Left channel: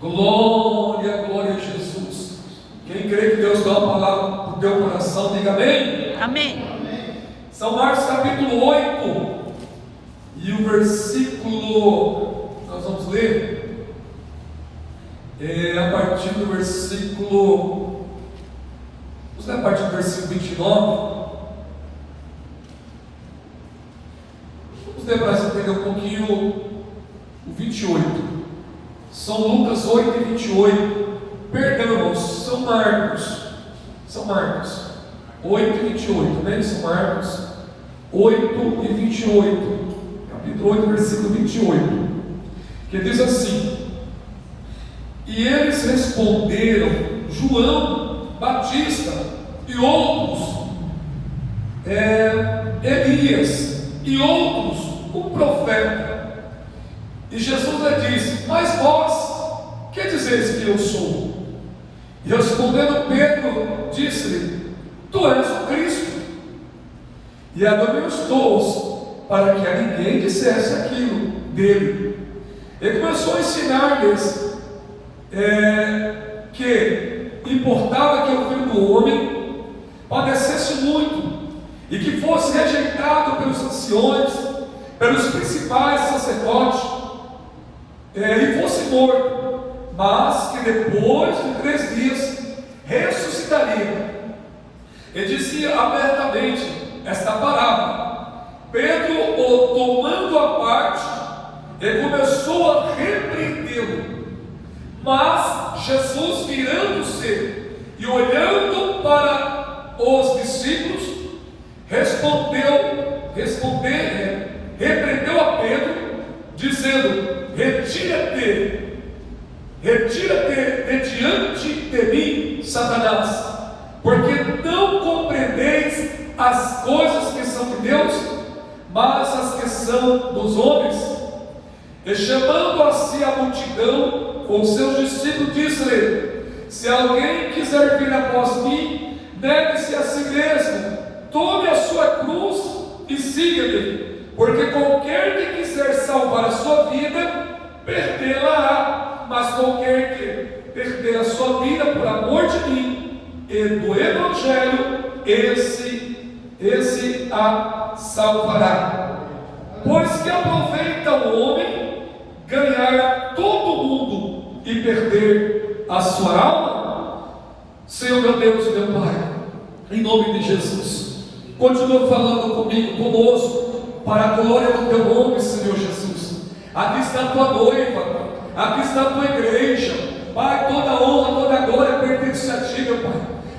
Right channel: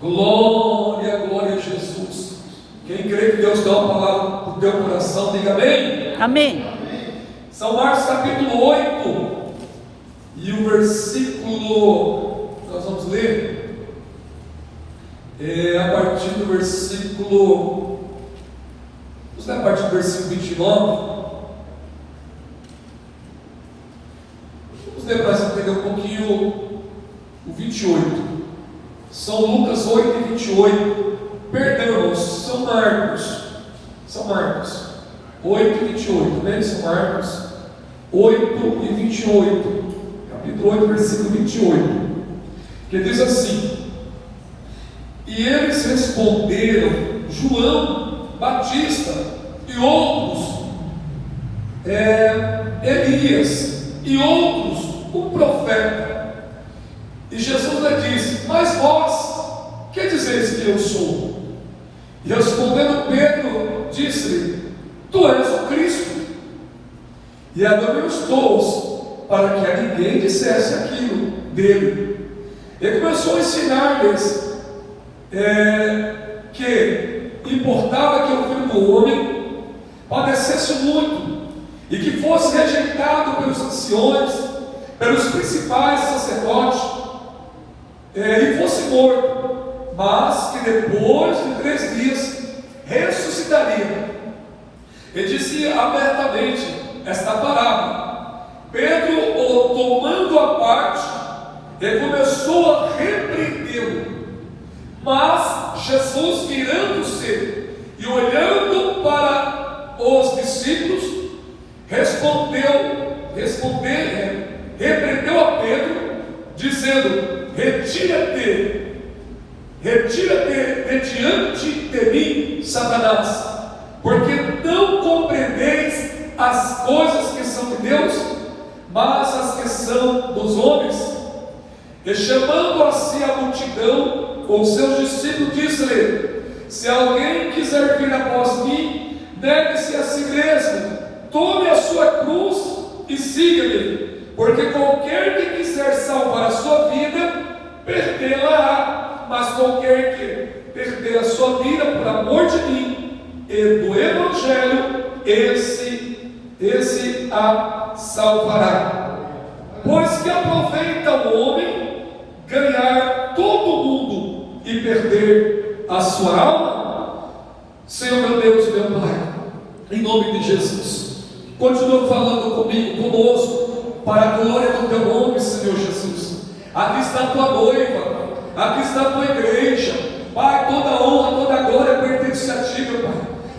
Glória, glória a Jesus. Quem crê que Deus dá uma palavra para o teu coração, diga amém. Amém. São Marcos capítulo 8. E o versículo, nós vamos ler, a partir do versículo, vamos ler a partir do versículo 29. Vamos ler para entender um pouquinho o 28. São Lucas 8 e 28. Perdão, São Marcos 8 e 28, né? São Marcos 8 e 28. Capítulo 8, versículo 28, que diz assim: e eles responderam, João Batista e outros, Elias e outros, o profeta. E Jesus lhe disse: mas vós, que dizeis que eu sou? E respondendo Pedro, disse-lhe: tu és o Cristo. E admoestou-os para que a ninguém dissesse aquilo dele. Ele começou a ensinar-lhes que importava que o Filho do Homem padecesse muito, e que fosse rejeitado pelos anciões, pelos principais sacerdotes, e fosse morto, mas que depois de 3 dias ressuscitaria. Ele disse abertamente esta parábola. Pedro, o tomando a parte, ele começou a repreendê-lo. Mas Jesus, virando-se e olhando para os discípulos, repreendeu a Pedro, dizendo: retira-te de diante de mim, Satanás, porque não compreendeis as coisas que são de Deus, mas as que são dos homens. E chamando a si a multidão com seus discípulos, disse-lhe: se alguém quiser vir após mim, negue-se a si mesmo, tome a sua cruz e siga-me, porque qualquer que quiser salvar a sua vida, perdê-la-á, mas qualquer que perder a sua vida por amor de mim e do Evangelho, esse a salvará. Pois que aproveita o homem ganhar todo o mundo e perder a sua alma? Senhor meu Deus e meu Pai, em nome de Jesus, continua falando comigo, conosco, para a glória do teu nome, Senhor Jesus. Aqui está a tua noiva, aqui está a tua igreja, Pai. Toda honra, toda glória pertence a ti, meu Pai.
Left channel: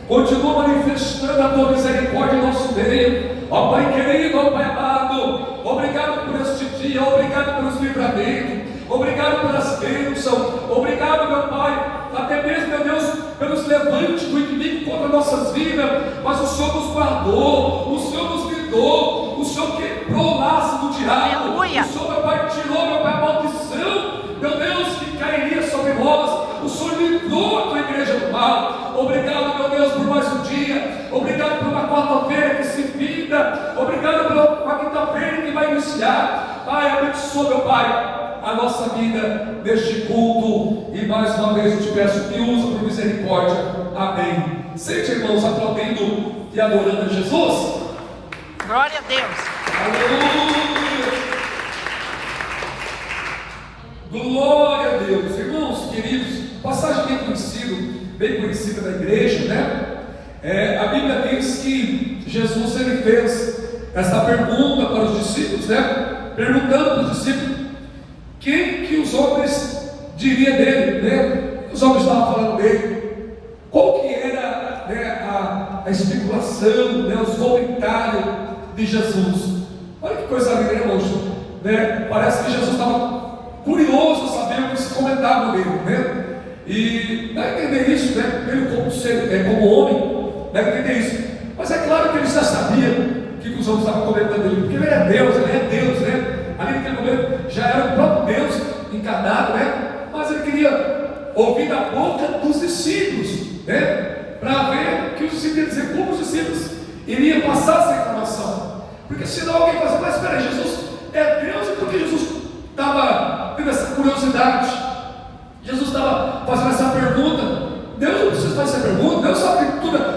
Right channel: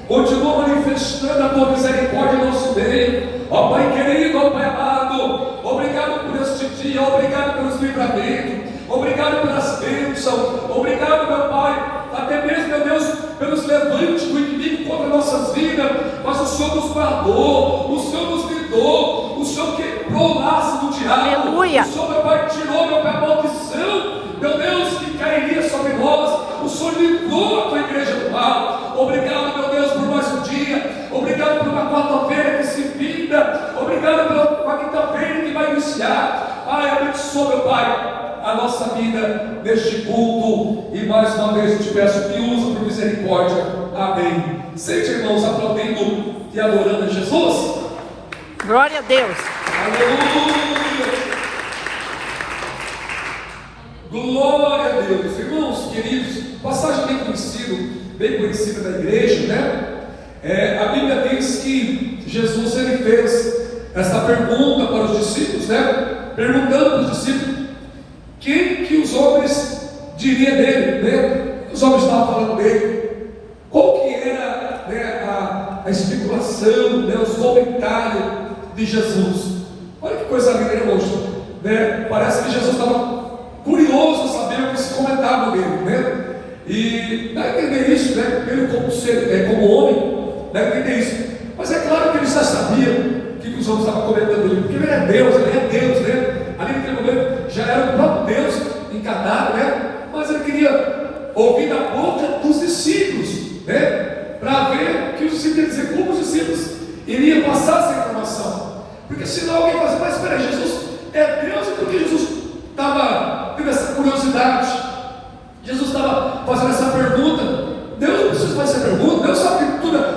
Continua manifestando a tua misericórdia em nosso meio, ó Pai querido, ó Pai amado. Obrigado por este dia, obrigado pelos livramentos, obrigado pelas bênçãos, obrigado, meu Pai, até mesmo, meu Deus, pelos levantes do inimigo contra nossas vidas. Mas o Senhor nos guardou, o Senhor nos livrou, o Senhor quebrou o laço do diabo. Aleluia. O Senhor, meu Pai, tirou, meu Pai, a maldição, meu Deus, que cairia sobre nós. O Senhor livrou a tua igreja do mal. Obrigado, meu Deus, por mais um dia. Obrigado por uma quarta-feira que se vinda. Obrigado pela quinta-feira que vai iniciar. Pai, abençoa, meu Pai, a nossa vida neste culto. E mais uma vez eu te peço que usa por misericórdia. Amém. Sente, irmãos, aplaudindo e adorando a Jesus. Glória a Deus. Aleluia. Glória a Deus. Irmãos queridos, passagem bem conhecida da igreja, né? A Bíblia diz que Jesus, ele fez essa pergunta para os discípulos, né? Perguntando para os discípulos quem que os homens diriam dele, né? Os homens estavam falando dele, qual que era, né, a especulação, né, os comentários de Jesus. Olha que coisa linda, irmãos, né? Parece que Jesus estava curioso a saber o que se comentava dele, né? E dá a entender isso, né? Ele como homem, dá a entender isso. Mas é claro que ele já sabia que os homens estavam comentando dele, porque ele é Deus, né? Ali naquele momento já era o próprio Deus encarnado, né? Mas ele queria ouvir da boca dos discípulos, né? Para ver que os discípulos iam dizer, como os discípulos iriam passar essa informação. Porque senão alguém vai dizer, mas espera aí, Jesus é Deus, e por que Jesus estava tendo essa curiosidade? Jesus estava conhece a pergunta, não sabe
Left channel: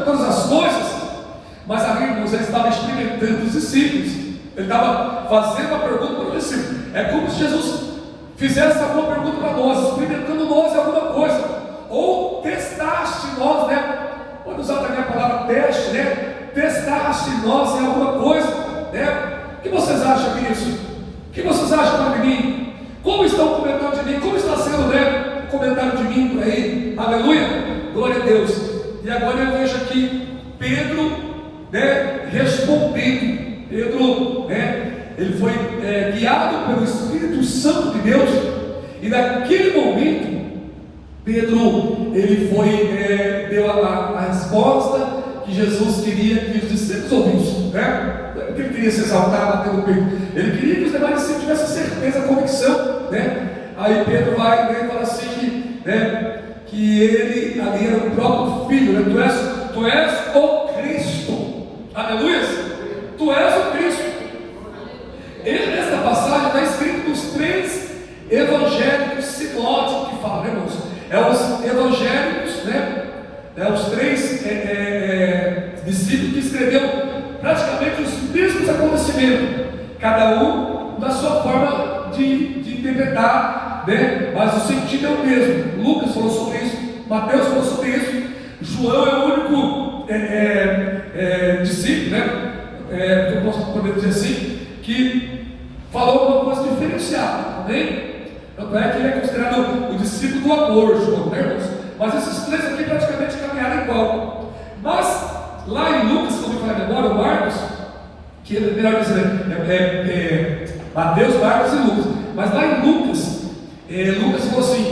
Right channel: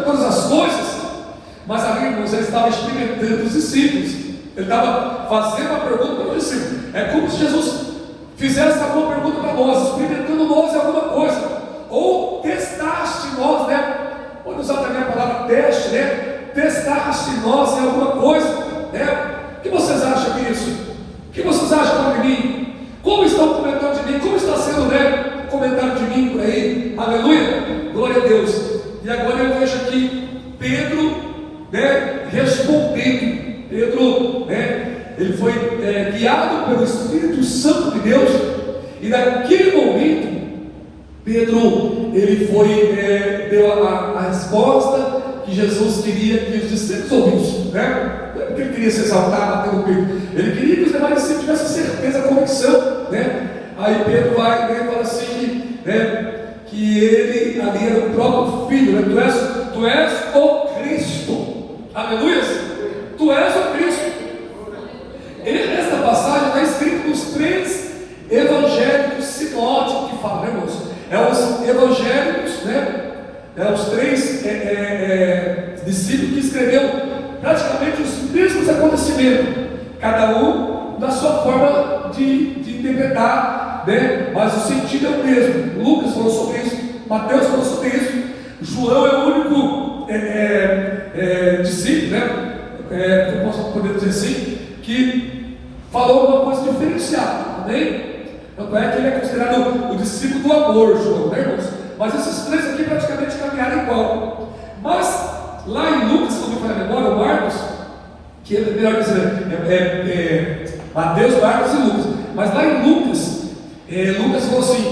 todas as coisas, mas ali irmãos, ele estava experimentando os discípulos, ele estava fazendo a pergunta para os discípulos. É como se Jesus fizesse a boa pergunta para nós, experimentando nós em alguma coisa, ou testaste nós, né? Pode usar também a palavra teste, né? Testaste nós em alguma coisa, né? O que vocês acham disso? O que vocês acham de mim? Como estão comentando de mim? Como está sendo, né, o comentário de mim por aí? Aleluia! Glória a Deus! E agora eu vejo aqui Pedro, né, respondendo. Pedro, né, ele foi guiado pelo Espírito Santo de Deus, e naquele momento Pedro, ele deu a resposta que Jesus queria que os discípulos ouvissem, né? Não é porque ele queria se exaltar, batendo o peito, ele queria que os demais discípulos tivessem certeza, a convicção, né? Aí Pedro vai e fala assim, né, que ele ali era o próprio Filho, né? Tu és o Cristo, aleluia, tu és o Cristo. Nessa passagem está escrito nos 3 evangélicos sinóticos que falam, né, irmãos? Os evangélicos, né? Os 3 discípulos que escreveram praticamente os mesmos acontecimentos, cada um da sua forma de interpretar, né? Mas o sentido é o mesmo. Lucas falou sobre isso, Mateus falou sobre isso, João é o único discípulo, né? Que eu posso poder dizer assim, que falou uma coisa diferenciada, amém? Tanto é que ele é considerado o discípulo do amor, João, né, irmãos? Mas esses 3 aqui praticamente caminharam igual. Mas lá em Lucas, quando eu falei a memória, Marcos, que é melhor dizer, Mateus, Marcos e Lucas. Mas lá em Lucas, Lucas falou assim,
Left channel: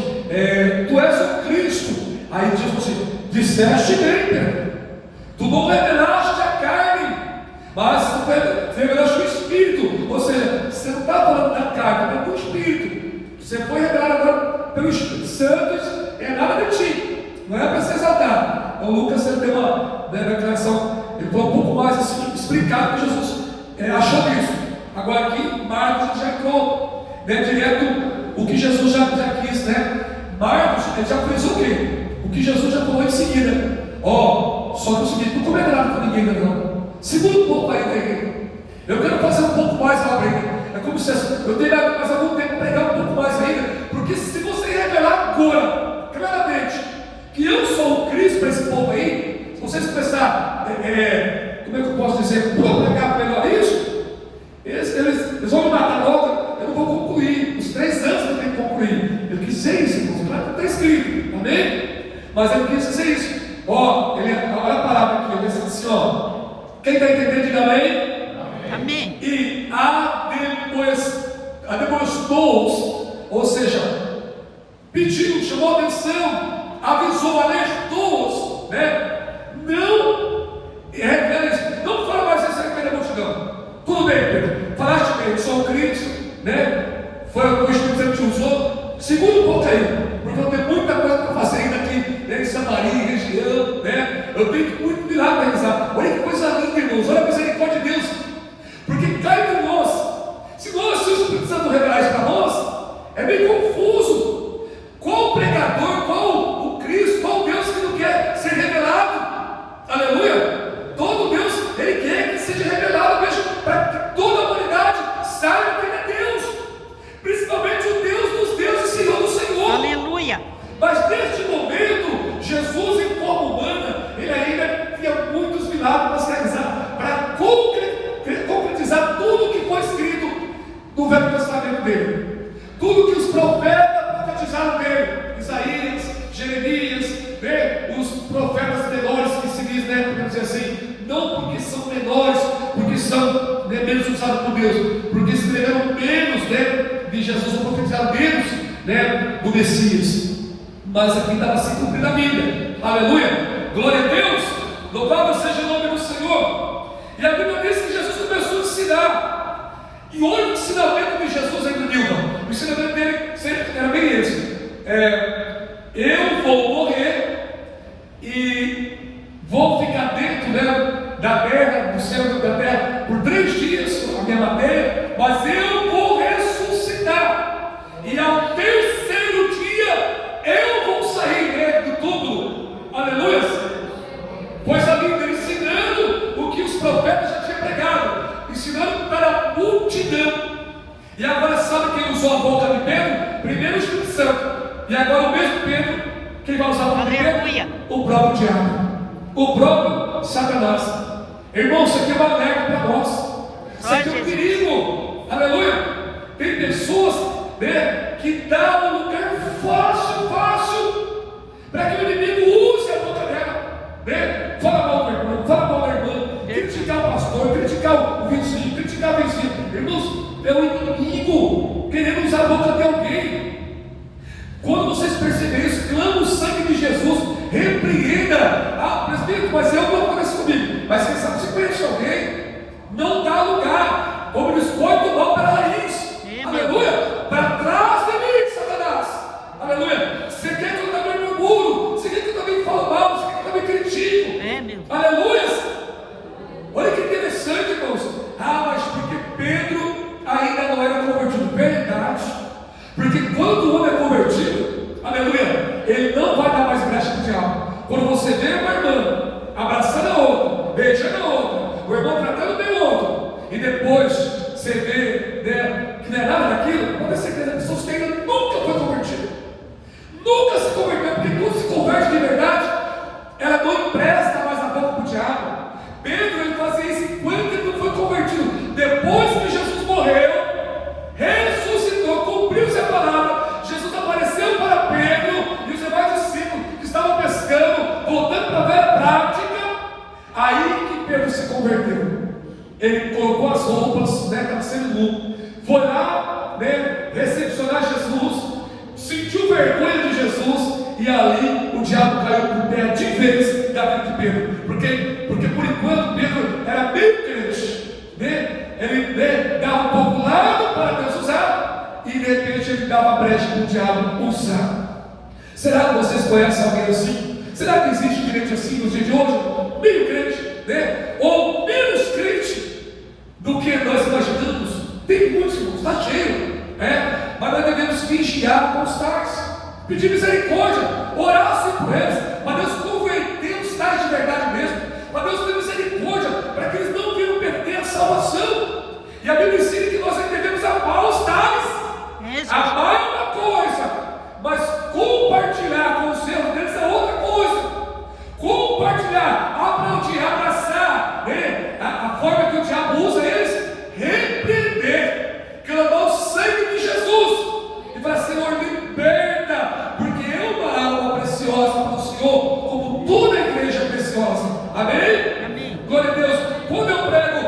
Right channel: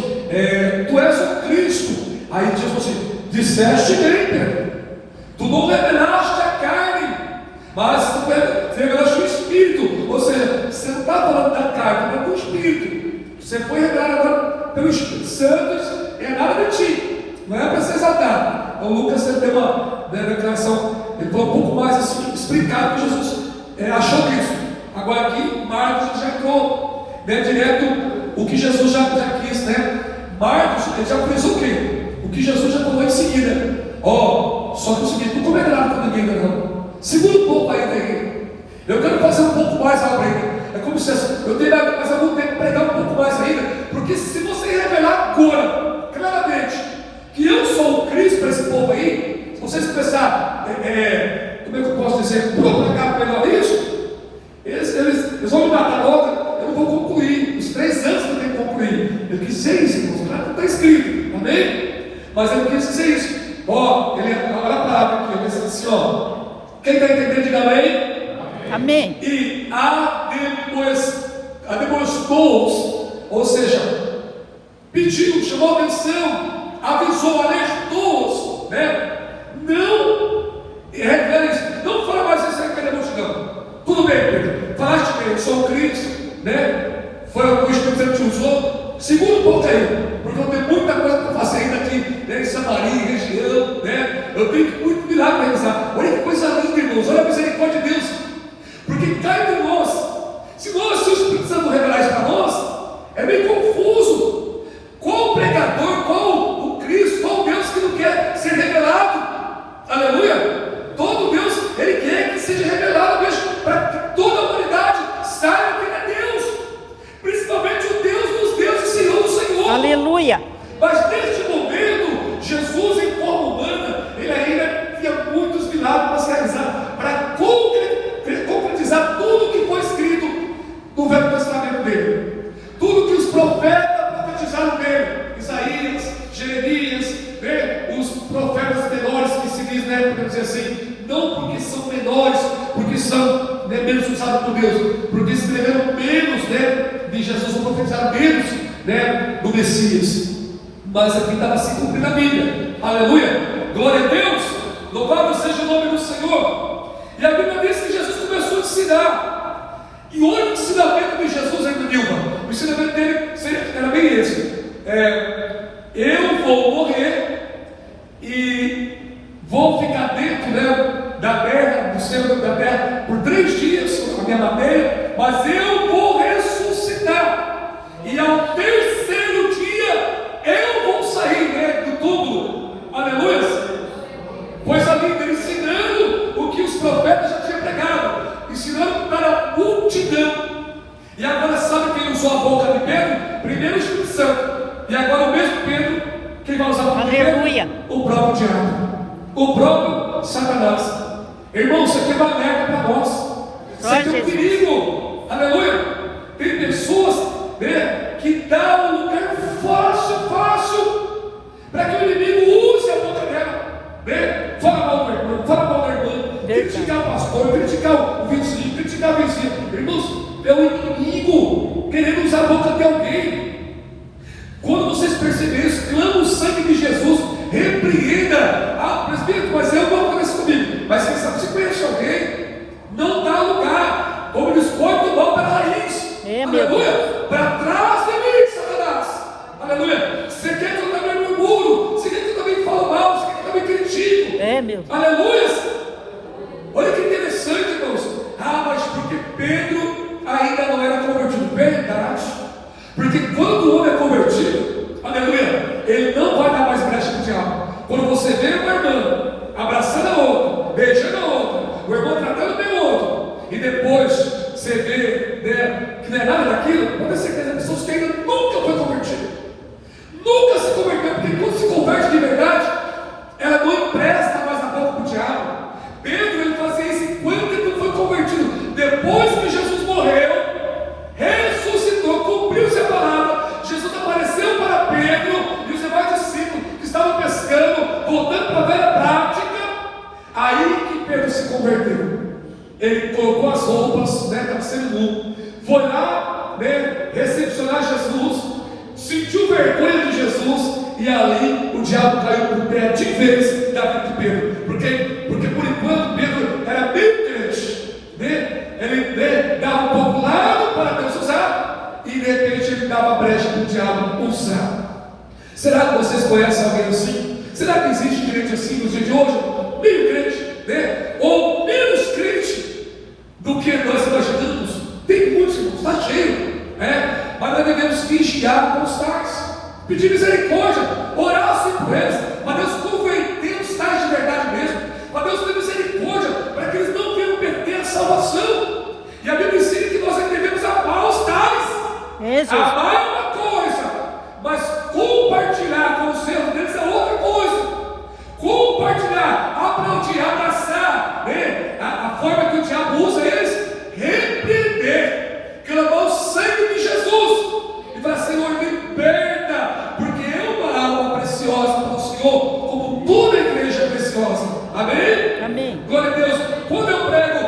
tu és o Cristo. Aí Jesus falou assim, disseste bem, Pedro. Tu não revelaste a carne, mas tu revelaste o Espírito. Ou seja, você não está falando da carne, mas do Espírito. Você foi revelado agora pelo Espírito Santo, é nada de ti, não é para ser exaltado. Então Lucas tem uma declaração, ele falou um pouco mais assim, explicado que Jesus achou disso. Agora aqui, Marcos já entrou, né, direto o que Jesus já quis, né? Marcos, ele já fez o quê? O que Jesus já falou em seguida. Só que o seguinte, não estou revelado para ninguém, não. Segura um pouco aí, eu quero fazer um pouco mais ainda. É como se eu tenho mais algum tempo pregar um pouco mais ainda, porque se você revelar agora, claramente, que eu sou o Cristo para esse povo aí, se vocês começarem, como é que eu posso dizer, propagar melhor isso, eles vão me matar logo, eu não vou concluir, os 3 anos eu tenho que concluir. Eu quis dizer isso, irmãos, não está escrito, amém? Mas eu quis dizer isso. Olha a palavra aqui, ele diz assim, quem está entendendo, diga amém. Amém. E demonstrou-os, ou seja, pediu, chamou a atenção, avisou, alertou-os, né? Não fala mais isso aí que ele multidão. Tudo bem, Pedro, falaste bem, eu sou um Cristo, né? Foi o que o Espírito Santo te usou. Segura um pouco aí, porque eu tenho muita coisa para fazer ainda aqui, né, em Samaria, região, né? Eu tenho muito milagre para realizar. Olha que coisa linda, irmãos, olha a misericórdia de Deus. Porque cai de nós, se o Espírito Santo revelar isso para nós, é meio confuso. Qual o pregador, qual o Cristo, qual o Deus que não quer ser revelado? Aleluia! Todo Deus, Ele quer que seja revelado mesmo, para que toda a humanidade saiba que Ele é Deus, principalmente o Deus dos deuses, Senhor do Senhor. Aleluia! Mas neste momento, Jesus em forma humana, Ele ainda tinha muitos milagres para se realizar, para concretizar tudo que foi escrito no Velho Testamento dele, tudo que os profetas profetizaram dele, Isaías, Jeremias, né? Os profetas menores que se diz, né? Podemos dizer assim, não porque são menores, porque são, né, menos usados por Deus, porque escreveram menos, né, de Jesus, ou profetizaram menos, né, do Messias, mas aqui estava se cumprindo a Bíblia. Aleluia, glória a Deus, louvado seja o nome do Senhor. E a Bíblia diz que Jesus começou a ensinar, e olha o ensinamento de Jesus aí no Nilva. O ensinamento dele era bem esse: eu vou morrer e vou ficar dentro, né, da terra, do céu da terra, por 3 dias, a minha matéria, mas eu vou ressuscitar, e ao 3º dia eu vou sair, né, do túmulo. Aleluia! Pois a Bíblia ensinando o que os profetas já tinham pregado, ensinando para a multidão. E agora sabe quem usou a boca de Pedro? Primeiro o Espírito Santo. E agora o mesmo Pedro, quem vai usar a boca de Aleluia. Pedro? O próprio diabo, o próprio Satanás. Irmão, isso aqui é uma alerta para nós. Isso aqui é um perigo. Aleluia. Tem pessoas, né, que dão um lugar fácil para que o inimigo use a boca dela, né? Fala mal do irmão, fala mal da irmã, criticar o pastor, criticar o vizinho, criticar a vizinha. Irmãos, é o inimigo querendo usar a boca de alguém. Quando vocês perceberem isso, clama o sangue de Jesus, repreenda. Ah, presbítero, mas eu vou fazer isso comigo. Mas quem sabe, se conhece alguém, não dá lugar. Como diz, corta o mal pela raiz. Aleluia. Para trás de mim, Satanás. Aleluia. Você quer que eu também murmuro? Você quer que eu também falo mal? Você quer que eu também critico? Aleluia. Olha que interessante, irmãos. Ah, mas porque Pedro ainda não era convertido. Verdade. Porque quando o homem é convertido, aleluia, ele não vai dar mais brecha para o diabo. Quando você vê uma irmã abraçando a outra, beijando a outra, o irmão tratando bem o outro, e depois você vê, né, que não é nada daquilo, pode ter certeza, a pessoa que ainda nunca foi convertida, nunca se converteu, porque quando se converte de verdade, ela não empresta mais a boca para o diabo. Pedro, ele fazia isso enquanto ele não foi convertido. Depois que Jesus morreu, ressuscitou, cumpriu-se a palavra, Jesus apareceu para Pedro e os demais discípulos que estavam pescando, voltando para a velha prática. Aí que Pedro se converteu. Ele colocou as roupas, né, estava sendo nu, foi lá, né, recepcionar Jesus, sentiu vergonha de Jesus, e ali o diabo caiu por terra de vez da vida de Pedro. Porque por enquanto Pedro era bem crente, né? Ele, né, dava um pouco lado para Deus usar, e de repente ele dava brecha para o diabo usar. Será que vocês conhecem alguém assim? Será que existe crente assim no dia de hoje? Meio crente, né? Ou menos crente do que nós imaginamos? Tem muitos, irmãos, está cheio, né? Mas nós devemos vigiar com os tais, pedir misericórdia, orar assim por eles, mas Deus converter os tais de verdade mesmo, mas Deus ter misericórdia para que eles não venham perder a salvação. E a Bíblia ensina que nós devemos amar os tais. Amar é uma coisa, mas compartilhar com os erros deles é outra coisa. Compartilhar, aplaudir, abraçar, né? A forma que o diabo usa eles, repreender, clamar o sangue de Jesus e falar: Senhor, liberta, porque é uma alma preciosa para o Senhor, como toda a igreja é preciosa. Amém? Amém. Glória a Deus. Quando eu prego,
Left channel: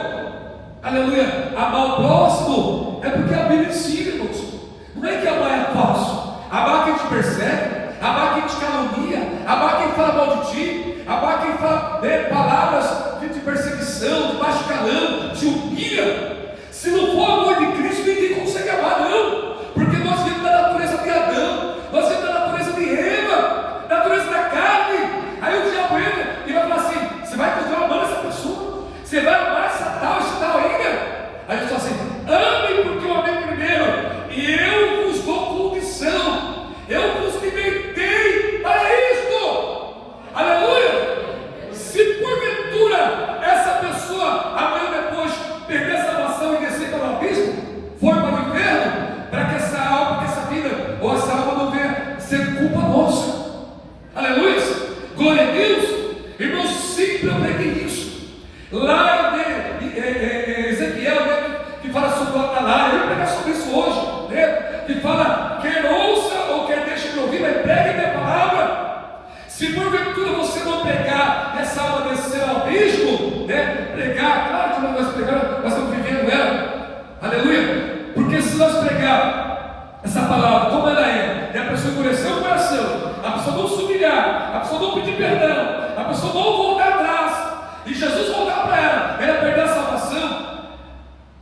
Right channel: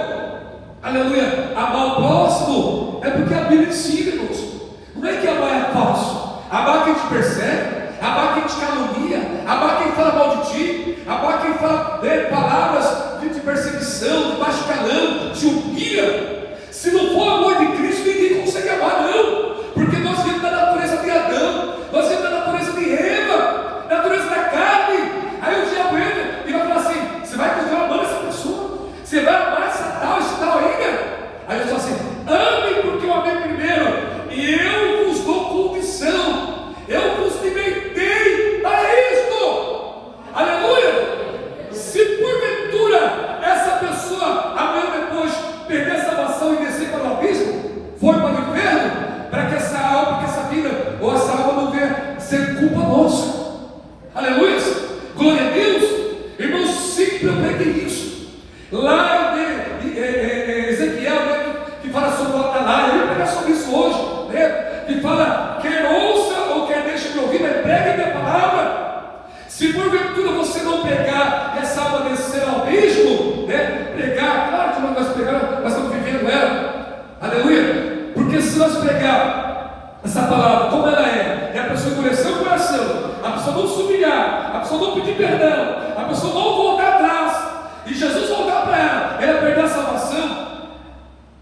aleluia, amar o próximo, é porque a Bíblia ensina, irmãos. Não é que amar é fácil. Amar quem te persegue, amar quem te calunia, amar quem fala mal de ti, amar quem fala, né, palavras de perseguição, de baixo calão, te humilha. Se não for amor de Cristo, ninguém consegue amar, não. Porque nós vimos da natureza de Adão, nós vimos da natureza de Eva, natureza da carne. Aí o diabo entra e vai falar assim: você vai continuar amando essa pessoa? Você vai amar esse tal ainda? Aí ele fala assim: amem porque eu amei primeiro, e eu vos dou condição, eu vos libertei para isto. Aleluia! Se porventura essa pessoa amanhã depois perder a salvação e descer para o abismo, for para o inferno, para que essa alma, que essa vida ou essa alma não venha ser culpa nossa. Aleluia! Glória a Deus! Irmãos, sempre eu preguei isso. Lá em Ezequiel, né, que fala sobre o Atalaia, eu vou pregar sobre isso hoje, né, que fala: quer ouça ou quer deixe de ouvir, mas pregue a minha palavra. Se porventura você não pregar e essa alma descer ao abismo, né, pregar, claro que nós pregamos, nós estamos vivendo ela, aleluia, porque se nós pregar essa palavra como ela é, e a pessoa endurecer o coração, a pessoa não se humilhar, a pessoa não pedir perdão, a pessoa não voltar atrás, e Jesus voltar para ela perder a salvação.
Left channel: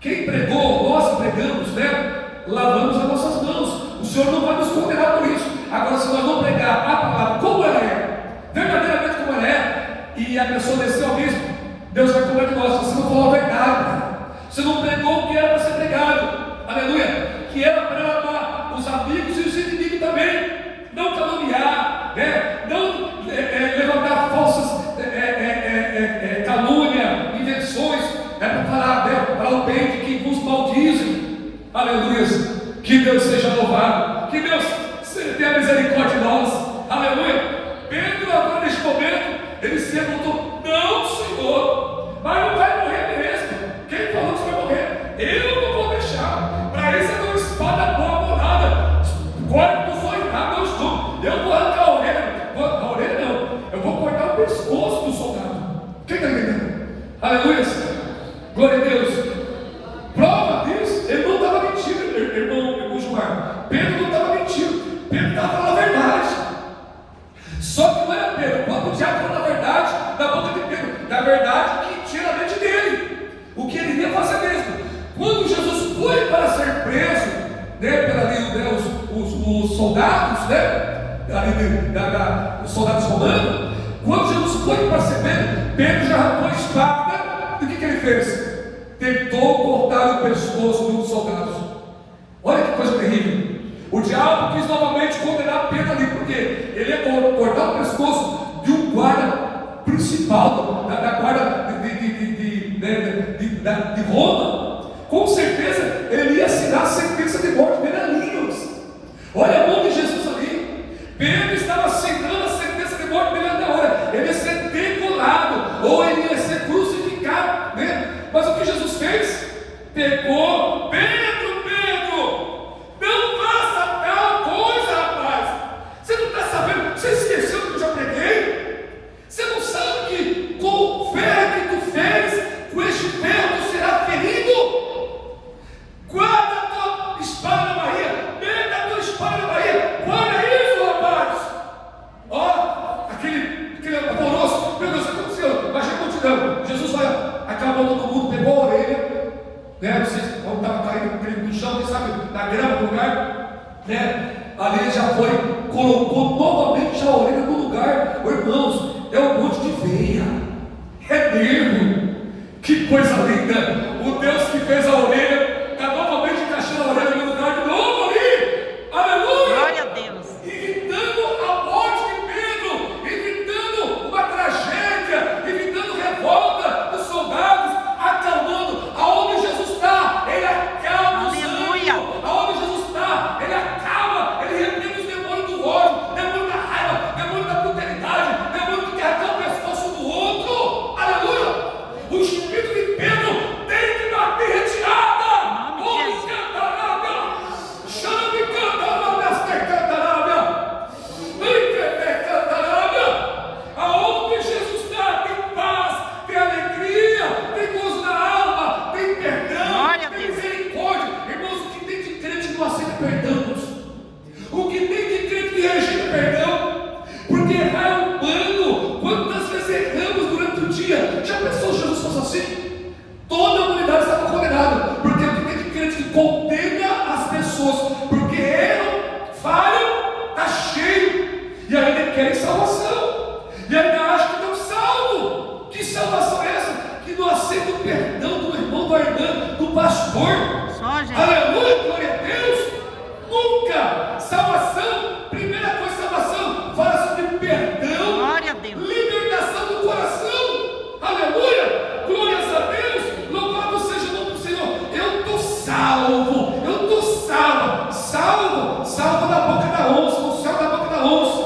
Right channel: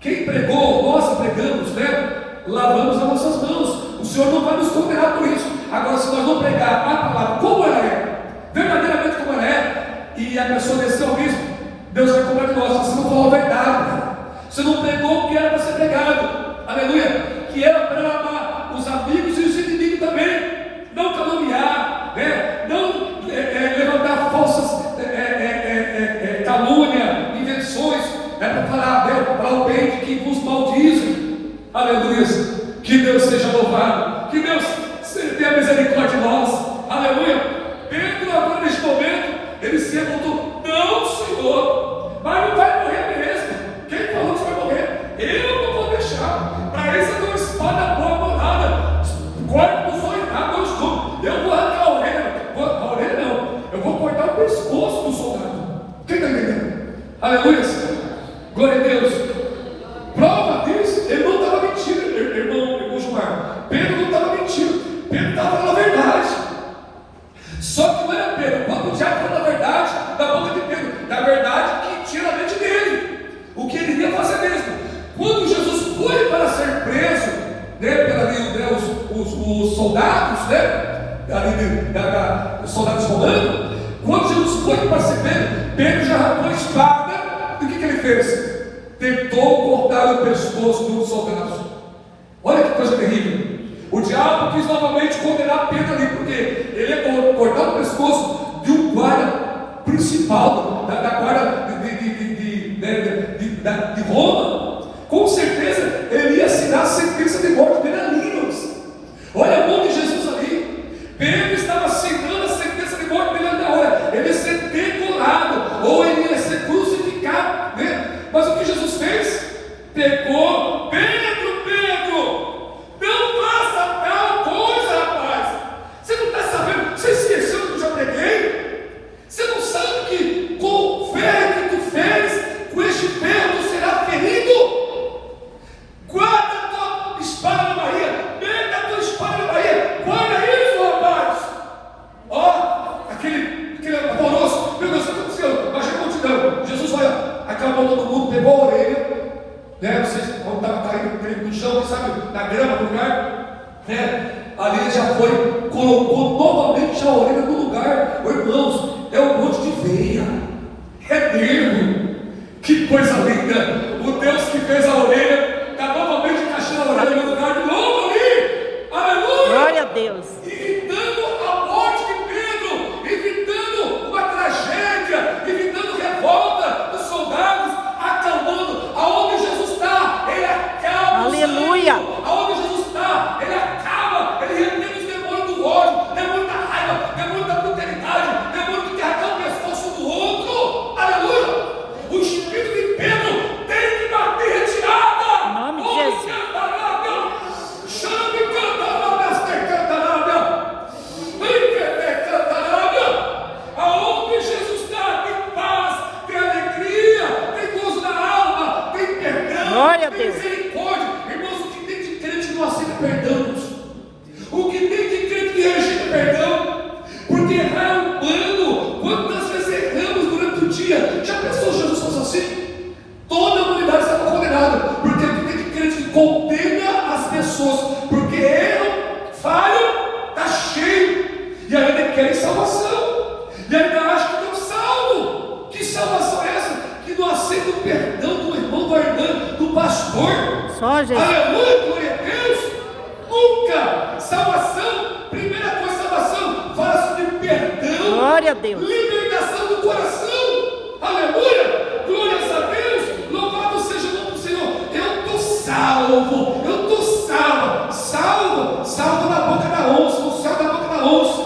Quem pregou, nós pregamos, né? Lavamos as nossas mãos. O Senhor não vai nos condenar por isso. Agora, se nós não pregar a palavra como ela é, verdadeiramente como ela é, e a pessoa desceu ao abismo, Deus vai cobrar de nós: você não falou a verdade, você não pregou o que era para ser pregado, aleluia, que era para amar os amigos e os inimigos também, não caluniar, né? Não levantar é para falar, né, falar o bem de quem vos maldizem. Aleluia. Que Deus seja louvado. Que Deus tenha misericórdia de nós. Aleluia. Pedro, agora neste momento, ele se levantou. Não, Senhor, mas não vai morrer mesmo. Quem falou que você vai morrer? Eu não vou deixar. Para isso eu tenho uma espada boa morada. Corte dos orelhados, eu estou. Eu vou arrancar a orelha. A orelha não. Eu vou cortar o pescoço do soldado. Quem está entendendo? Aleluia. Glória a Deus. Prova disso, ele não estava mentindo, irmão Gilmar. Pedro não estava mentindo. Pedro estava falando a verdade. Só que não era Pedro, o próprio diabo falou a verdade da boca de Pedro, da verdade que tinha na mente dele, o que ele ia fazer mesmo. Quando Jesus foi para ser preso, né, os soldados, né, os soldados romanos, quando Jesus foi para ser preso, Pedro já arrancou a espada, e o que ele fez? Tentou cortar o pescoço de um dos soldados. Olha que coisa terrível. O diabo quis novamente condenar Pedro ali, porque ele ia cortar o pescoço de um guarda principal, da guarda de Roma. Com certeza ele ia assinar a sentença de morte dele ali. Olha o nome de Jesus ali. Pedro estava assinando a sentença de morte dele na hora. Ele ia ser degolado, ou ele ia ser crucificado, né? Mas o que Jesus fez? Pegou Pedro, não faça tal coisa, rapaz. Você não está sabendo? Você esqueceu que eu já preguei? Você não sabe que com o ferro que tu fez, com este ferro tu será ferido? Guarda a tua espada na barriga, pega a tua espada na barriga, guarda isso, rapaz. Ó, aquele alvoroço, meu Deus, o que aconteceu? Imagina a multidão. Jesus vai, acabou todo mundo, pegou a orelha, né? Vocês estavam caindo no chão, sabe, na grama do lugar, né? Ali ele já foi, colocou novamente a orelha no lugar. Oh, irmãos, é um monte de veia, é nervo. Que coisa linda! O Deus que fez a orelha está novamente encaixando a orelha no lugar de novo ali. Aleluia! Glória a Deus. Evitando a morte de Pedro, evitando uma tragédia, evitando revolta dos soldados, acalmando. Aonde Jesus está, ele acalma. Aleluia. Aonde Jesus está, ele acalma, ele repreende os demônios do ódio, demônio da raiva, demônio da brutalidade, demônio que quer arrancar o pescoço do outro. Aleluia! O espírito de Pedro tem que bater retirada. Em nome de Jesus. Aonde Jesus está, tem paz, tem alegria, tem gozo na alma, tem perdão, Glória a tem Deus. misericórdia. Irmãos, o que tem de crente que não aceita perdão? O que tem de crente que rejeita perdão? Porque errar é humano. Quantas vezes erramos durante o dia? Já pensou se Jesus fosse assim? Toda a humanidade estava condenada. Porque o que tem de crente que condena as pessoas porque erram, falham, está cheio. E ainda querem salvação. E ainda acham que estão salvos. Que salvação é essa? Que não aceita o perdão do irmão, da irmã, do pastor. Só Jesus. Aleluia, glória a Deus. Nunca. Salvação, primeira coisa, salvação, fala de perdão. Glória a Deus. Libertação do coração. Aleluia, glórias a Deus. Louvado seja o nome do Senhor. Eu estou salvo. Eu estou salvo. Salvo da boca da onça. No céu da boca da onça.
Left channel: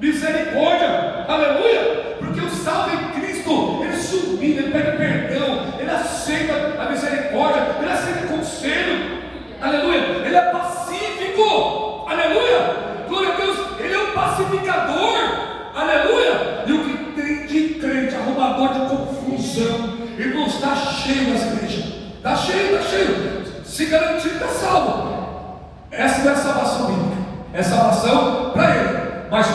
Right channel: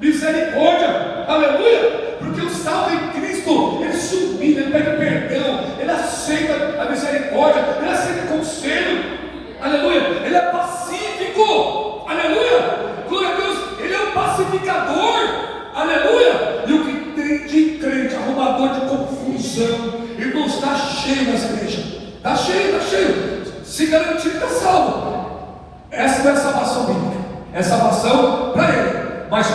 Misericórdia. Aleluia. Porque o salvo em Cristo, ele se humilha, ele pede perdão, ele aceita a misericórdia, ele aceita conselho. Aleluia. Ele é pacífico. Aleluia. Glória a Deus. Ele é um pacificador. Aleluia. E o que tem de crente, arrumador de confusão, irmãos, está cheio nas igrejas. Está cheio. Se garantir, está salvo. Essa não é salvação bíblica. É salvação para ele. Mas,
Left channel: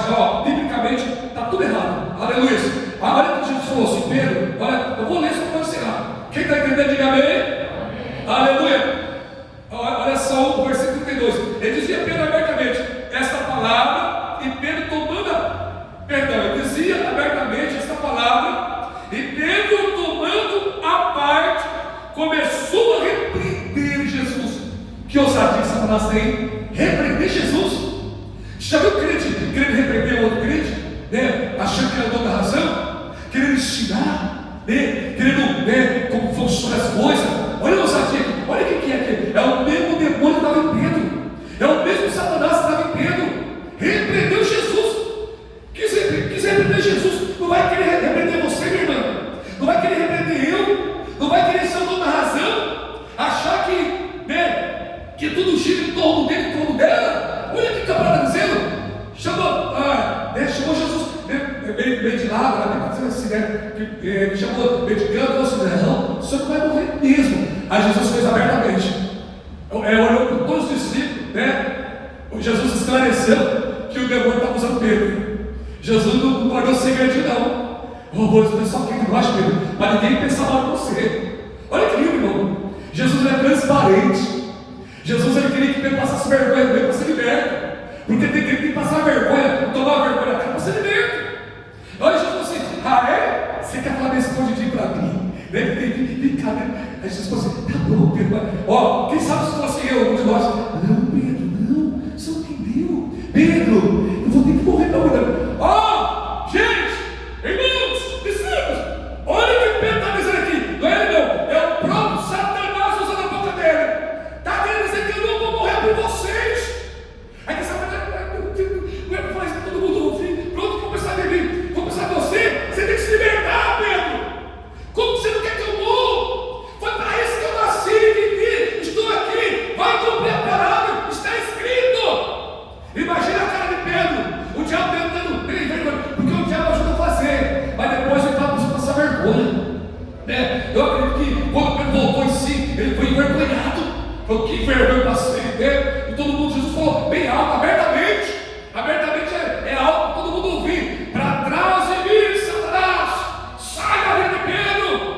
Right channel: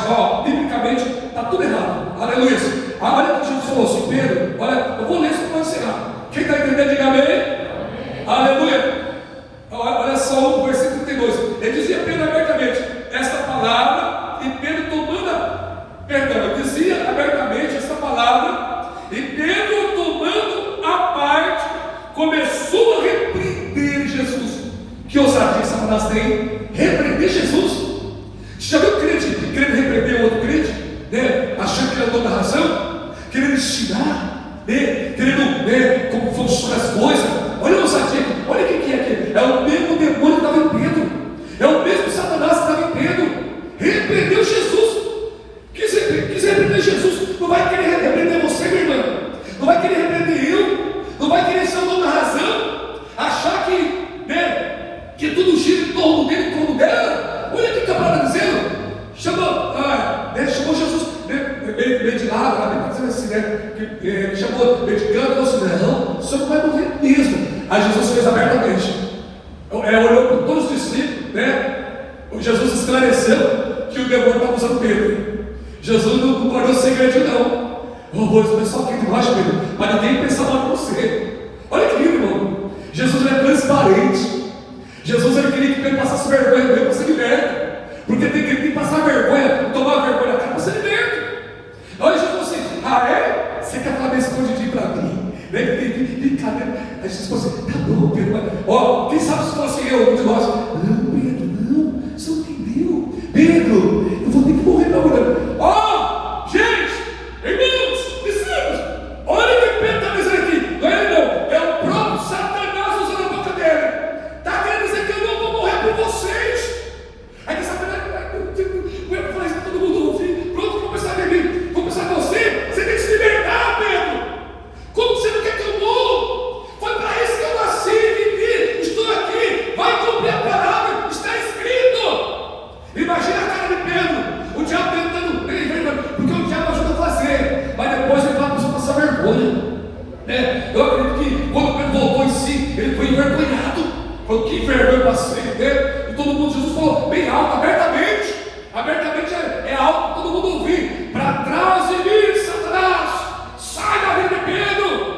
biblicamente, está tudo errado. Aleluia. Olha que Jesus falou assim, Pedro, olha, eu vou ler isso para encerrar. Quem está entendendo, diga amém. Aleluia. Olha só o versículo 32. Ele dizia Pedro abertamente esta palavra, e Pedro ele dizia abertamente esta palavra, e Pedro, tomando a parte, começou a repreender Jesus. Que ousadia que Satanás tem? Repreender Jesus? Já viu crente querendo repreender outro crente, né? Achando que ele é o dono da razão, querendo ensinar, né? Querendo, né? Como funciona as coisas. Olha a ousadia, olha o que é aqui. É o mesmo demônio que estava em Pedro. É o mesmo Satanás que estava em Pedro. Repreendeu Jesus. Quis repreender Jesus. Não vai querer repreender você, minha irmã. Não vai querer repreender eu. Não vai querer ser o dono da razão. Achar que tudo gira em torno dele, em torno dela. Olha o que o camarada está dizendo. Chamou Jesus bem de lado, lá, dizendo assim, chamou bem de canto, falou assim: não, o senhor não vai morrer mesmo. Aí Jesus fez abertamente. Olhou para todos os discípulos, Jesus esclareceu que o demônio estava usando Pedro. Jesus não guardou segredinho, não. O pessoal aqui de baixo, Pedro, mas ninguém pensa mal de você. Olha que lindo, irmão. Jesus é transparente. Jesus ele queria que Pedro passasse vergonha dele para ser liberto. Porque tem que passar vergonha, tomar vergonha na cara para ser liberto. Olha, Jesus falou assim: você quer falar desse escondidinho para mim? Aí Jesus falou assim: tá bom, Pedro. Quem sabe se fosse eu de nós? Não, Pedro, não, você não entendeu. Pedro, eu vou ter que morrer para morrer. Gente, irmãos, discípulos, olha o que Pedro está dizendo aqui. Não é ele, não. É o próprio Satanás usando a boca dele. Está querendo dizer que eu não vou morrer por vocês. Aí que Satanás vai falar isso para todo mundo ouvir. Pronto, vou pensar em mim. Vou pensar em você. Você tem que se libertar, Pedro. Como você não quer que eu morra? Foi para isso que eu nasci, vivi, estou aqui. Vai cumprir a palavra, está escrito. Imagina a cara de Pedro. O diabo tentando, porque o diabo ajuda a fazer. Mas depois ele fala para você passar vergonha. Eu acredito que quando Pedro voltou em si, ele foi envergonhado. Falou: que vergonha passei, E todo mundo, Jesus falou bem alto, abertamente. Abertamente é alto para todo mundo ouvir. Para trás de mim, Satanás. Sai da vida de Pedro.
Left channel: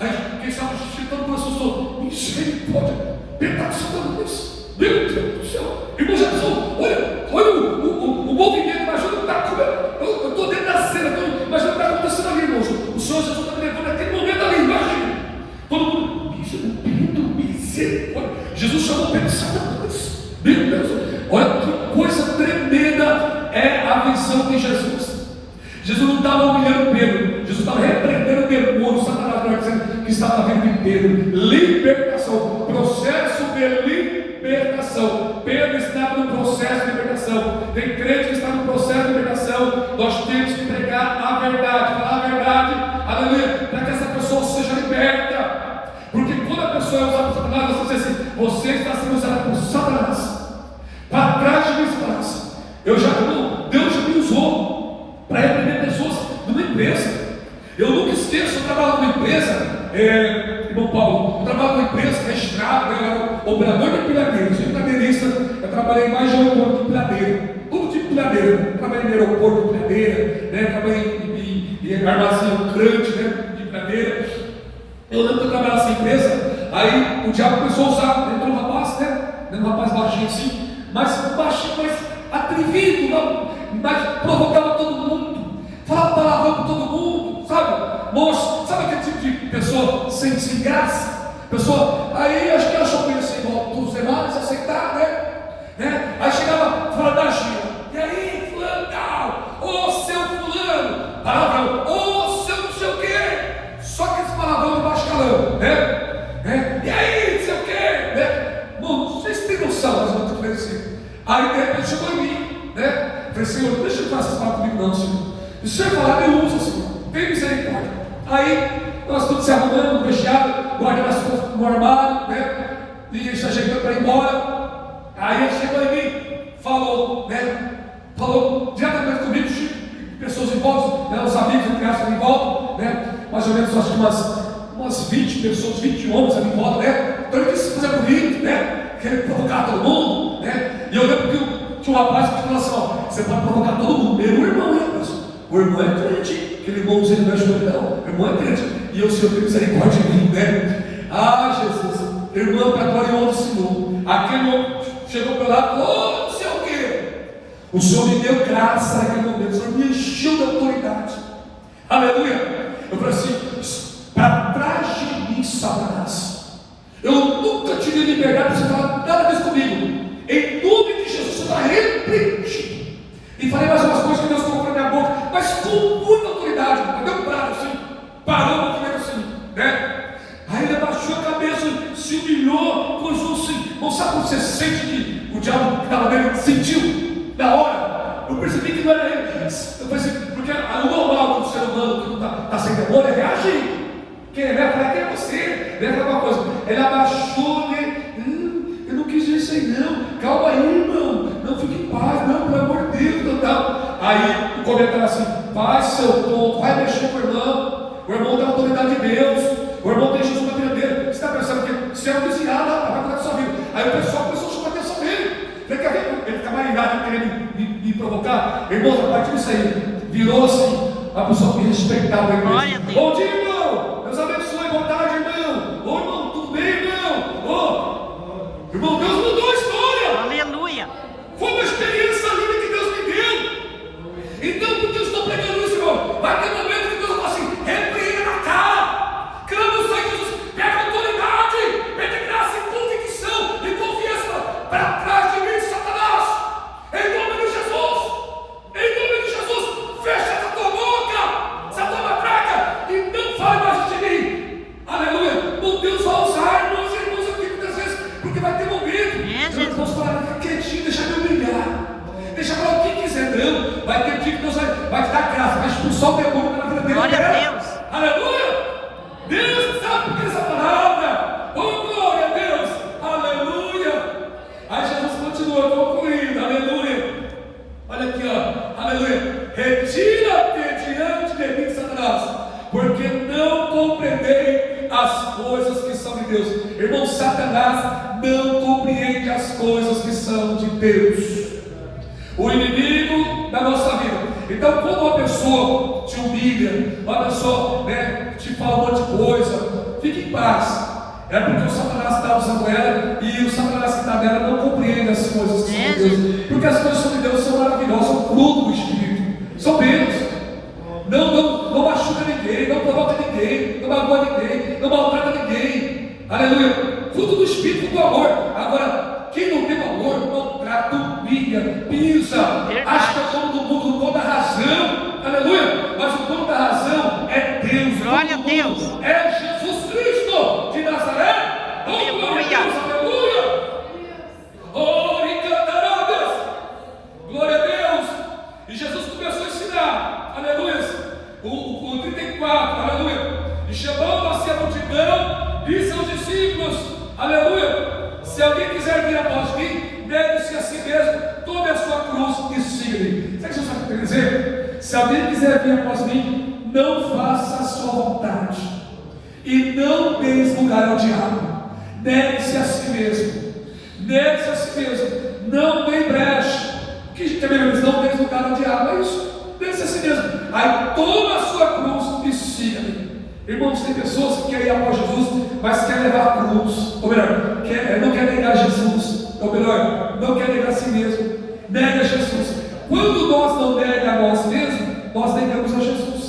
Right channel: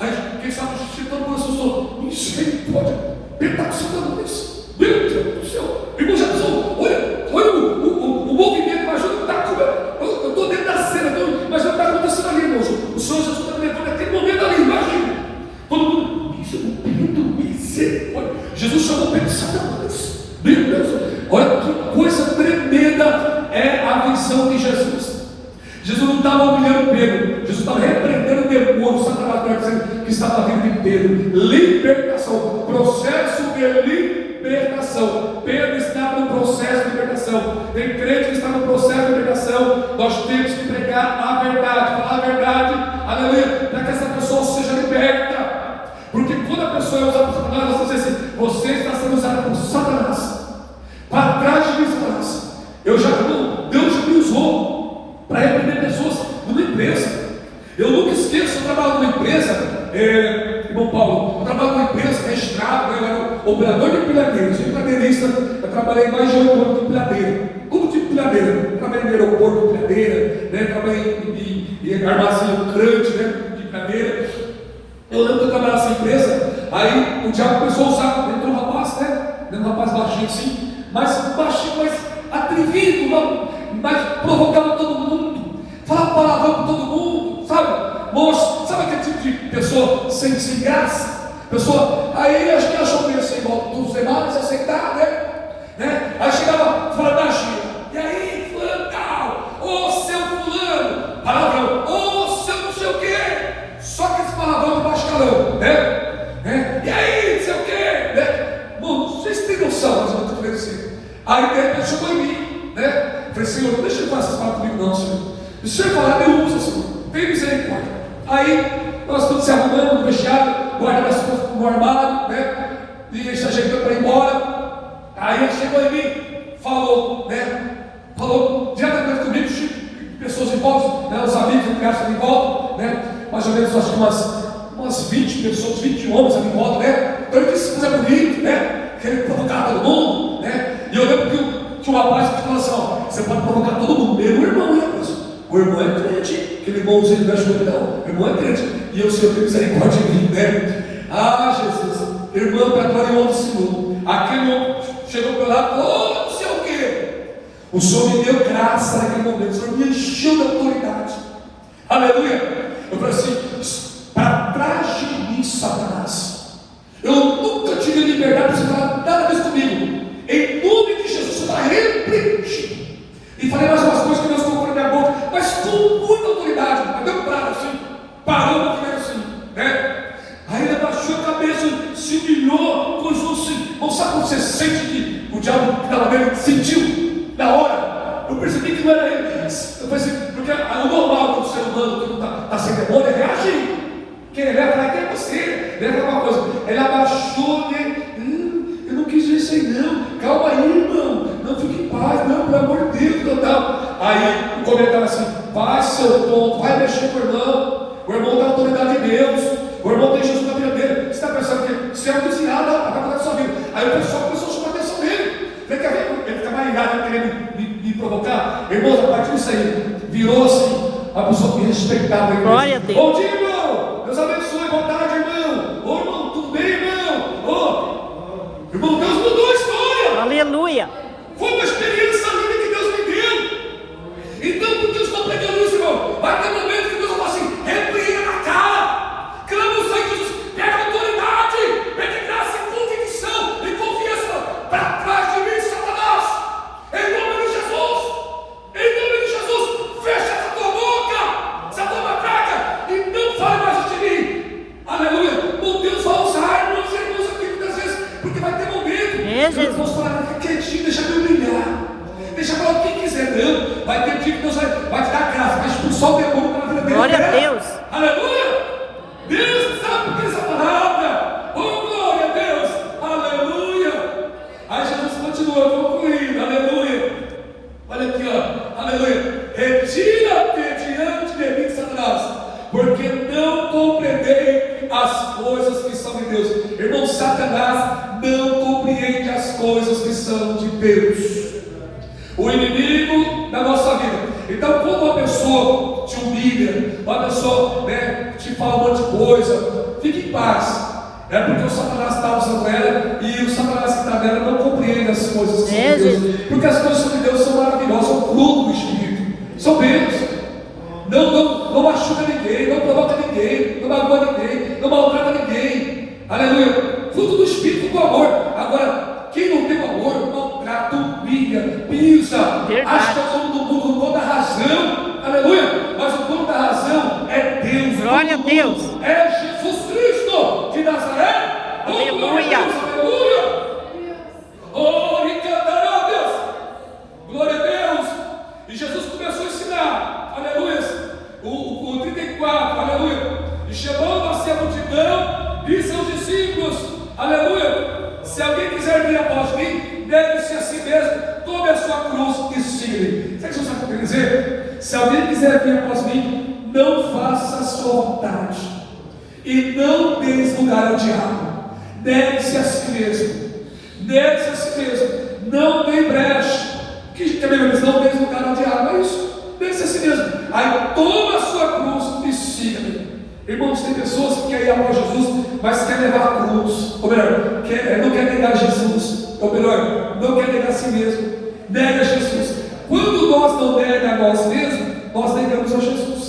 Aí quem sabe o discípulo todo mundo assustou. Misericórdia. Pedro está com Satanás. Meu Deus do céu. Irmão, já pensou? Olha o movimento. Imagina o que está acontecendo. Eu estou dentro da cena. Imagina o que está acontecendo ali, irmãos. O Senhor Jesus está me levando naquele momento ali. Imagina. Todo mundo. Pedro, misericórdia. Jesus chamou Pedro de Satanás. Meu Deus. Olha que coisa tremenda é a visão de Jesus. Jesus não estava humilhando Pedro. Jesus estava repreendendo o demônio. Satanás estava dizendo que estava na vida de Pedro. Libertação. Processo de libertação. Pedro estava no processo de libertação. Tem crente que está no processo de libertação. Nós temos que pregar a verdade. Falar a verdade. Aleluia. Para que essa pessoa seja liberta. Porque quando a pessoa é usada por Satanás, você diz assim: você está sendo usada por Satanás. Para trás de mim, Satanás. Deus já me usou para repreender pessoas numa empresa. Eu nunca esqueço, eu trabalho numa empresa, irmão Paulo, eu trabalho numa empresa registrada, eu era operador de pilhadeira, sou pilhadeirista, eu trabalhei mais de aeroporto de pilhadeira, todo tipo de pilhadeira, eu trabalhei no aeroporto de pilhadeira, trabalhei em armazém crante, de pilhadeira. Eu lembro que eu trabalhava nessa empresa, aí o diabo começou a usar, entrou um rapaz, um rapaz baixinho assim, mas atrevido, mas provocava todo mundo, falava palavrão para todo mundo, sabe? Moço, sabe aquele tipo de pessoa sem graça? Pessoa, aí acho que achou que ia ser igual dos demais, aceitar, Aí chegava falando da Gina, e aí, fulano tal, ô seu fulano, palavrão, ô seu não sei o quê, só que esse palavrão de baixo calão, E aí, não sei o quê, Não, vocês têm noção, mas eu estou falando assim. Aí de repente chegou em mim, Falei: Senhor, não deixa ele fazer essas palavras comigo, não, Senhor. E o Senhor falar, eu uso, Senhor. Tem misericórdia. Aí nós todos se arrumamos, deixaram, guardamos as coisas no armário, E ele se ajeitando para ir embora. Aí ele chegou em mim, falou, Falou diretamente comigo, pessoas em volta, os amigos que gastam em volta, Mais ou menos, acho que umas 20 pessoas, 20 homens ali em volta, Então ele disse: coisa bonita, querer provocar todo mundo, E eu lembro que tinha uma parte que falou assim: você pode provocar todo mundo, meu irmão, o irmão é crente, aquele irmãozinho não mexe com ele, não, o irmão é crente, e o Senhor tem misericórdia de mim, Jesus, irmão, para a glória e honra do Senhor. Aquele homem chegou para lá e falou: não sei o quê. O Senhor me deu graça naquele momento, o Senhor me encheu de autoridade, aleluia. Eu falei assim: para trás de mim, Satanás. Eu nunca tive liberdade para você falar nada disso comigo. Em nome de Jesus, você está repreendido. E falei mais umas coisas que Deus colocou na minha boca, mas com muita autoridade. Deu um prato assim, parou no primeiro assim, Aí abaixou a cabeça, se humilhou, coisou assim. Não sabe quando você sente que o diabo que estava vendo sentiu na hora? Eu percebi que não era ele. Eu pensei, porque o normal do ser humano que não está sem demônio é reagir. Quem ele vai falar, quem é você? Ele vai falar uma coisa. Ele abaixou, né? Eu não quis isso aí, não. Calma aí, irmão. Não, fique em paz, não, pelo amor de Deus, não. Aí o comentário assim: vai, seu ponto, vai mexer com o irmão. O irmão tem a autoridade de Deus. O irmão tem Jesus na vida dele. Você está pensando que se é um desviado, vai cuidar da sua vida. Aí o pessoal começou a chamar a atenção dele. Tem que ver, ele fica mais irado querendo me provocar. Irmãos, a partir disso aí, virou assim, a pessoa que respeitava ele. Glória a Deus. Bom dia, irmão. Deus abençoe, boa tarde, irmão. Ô, irmão, tudo bem, irmão? Ô, irmão, Deus mudou a história. Aleluia. Foi uma experiência linda que Deus me deu. Então, por que eu estou pregando isso, irmão? Vai ter momento que Deus vai falar assim: repreenda na cara. Clama o Senhor Jesus. Pega autoridade. Pede graça e convicção e confiança para trás de mim, Satanás. Em nome de Jesus. Em nome de Jesus. Fecha essa tua boca. Essa tua matraca. E não fale mais de mim. Aleluia. O Deus vai usar irmãos e irmãos aqui muitas vezes. Porque vai ter momento. Eu não posso falar, fica quietinho, deixa eu brilhar. Deixa eu falar o que quiser, não. Vai ter dia que Deus vai te dar graça, vai expulsar o demônio pela vida dele. Glória a Deus. Aleluia. Deus sabe por que essa palavra. Oh, glória a Deus. Aleluia. Aí Jesus continua concluindo. Aleluia. Olha aqui, ó. Aleluia. Retira-te diante de mim, Satanás, porque não compreendei as coisas que são de Deus. Irmão, Satanás não compreende as coisas que são de Deus. O inimigo da nossa vida. Então, quando uma pessoa te humilha, uma pessoa, né, te fala um monte de coisa, fique em paz. É porque o Satanás está usando ela, e o Satanás que está nela não compreende as coisas que são de Deus. Porque as coisas que são de Deus são maravilhosas, são fruto do Espírito, são bênçãos. Não machuca ninguém, não provoca ninguém, não magoa ninguém, não maltrata ninguém. Aleluia. Fruto do Espírito, do amor. Agora, quem não tem amor, maltrata, humilha, pisa, acha que é o dono do mundo, o dono da razão. Aleluia. Mas o dono da razão é Deus. Glória a Deus. É Jesus Cristo de Nazaré. Aleluia. Aleluia. Oh, e cantará, Deus. Glória a Deus. E Jesus começou a ensinar. Aleluia. O 34, aleluia. E chamando-se a multidão e seus discípulos, aleluia. Se alguém quiser vir após mim, negue-se a si mesmo, tome a sua cruz e siga-me. Sabe o que Jesus está querendo dizer? Se alguém quiser vir após mim, não faça a sua vontade e não dê lugar ao diabo. Negue-se a si mesmo. Negue-se a si mesmo. Não dê brecha. O que também diz? Não dê lugar ao diabo. É isso. Negue-se a si mesmo. Aí toma a sua cruz e siga-me. Irmãos, tem pessoas que querem ir após Jesus, mas querem levar a cruz. Ou melhor, não quer negar Jesus. Ou melhor, não quer negar a si mesmo. Nega Jesus. Quando nós não negamos a nós mesmos, nós negamos a Jesus.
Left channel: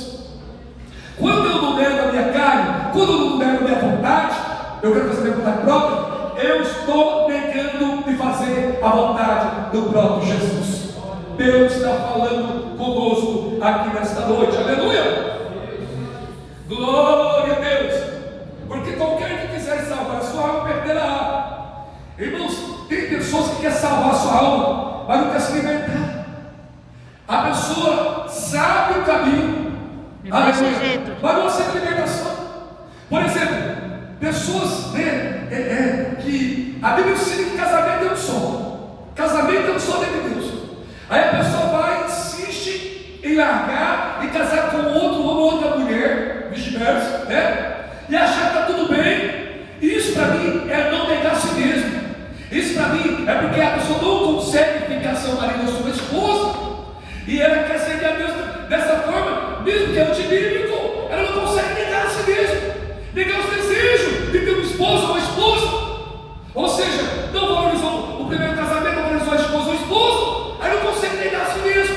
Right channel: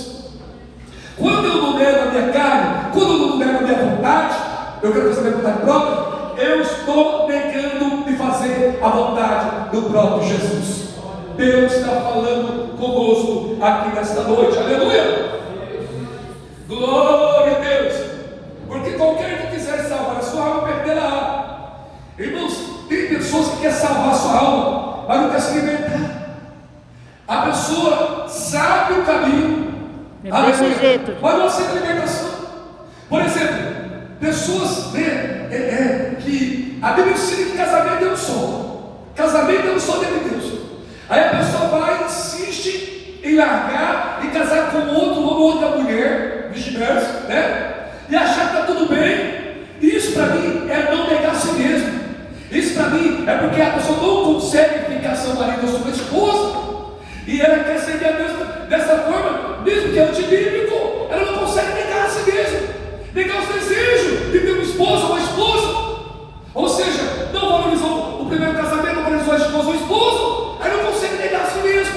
Quando eu não nego a minha carne, quando eu não nego a minha vontade, eu quero fazer a minha vontade própria, eu estou negando de fazer a vontade do próprio Jesus. Deus está falando conosco aqui nesta noite. Aleluia! Glória a Deus! Porque qualquer que quiser salvar a sua alma, perderá. Irmãos, tem pessoas que querem salvar a sua alma, mas não quer se libertar. A pessoa sabe o caminho, mas não aceita a libertação. Por exemplo, pessoas que a Bíblia ensina que casamento é um só. Casamento é um só dentro de Deus. Aí a pessoa vai e insiste em largar e casar com outro homem ou outra mulher, vice-versa, né? E achar que está tudo bem. Isso para mim é não negar a si mesmo. Isso para mim é porque a pessoa não consegue ficar seu marido ou sua esposa. E ela quer seguir a Deus dessa forma, mesmo que é antibíblico. Ela não consegue negar a si mesma, negar os desejos de ter um esposo ou uma esposa. Ou seja, não valorizou o primeiro casamento, não valorizou a esposa ou o esposo. Aí não consegue negar a si mesmo.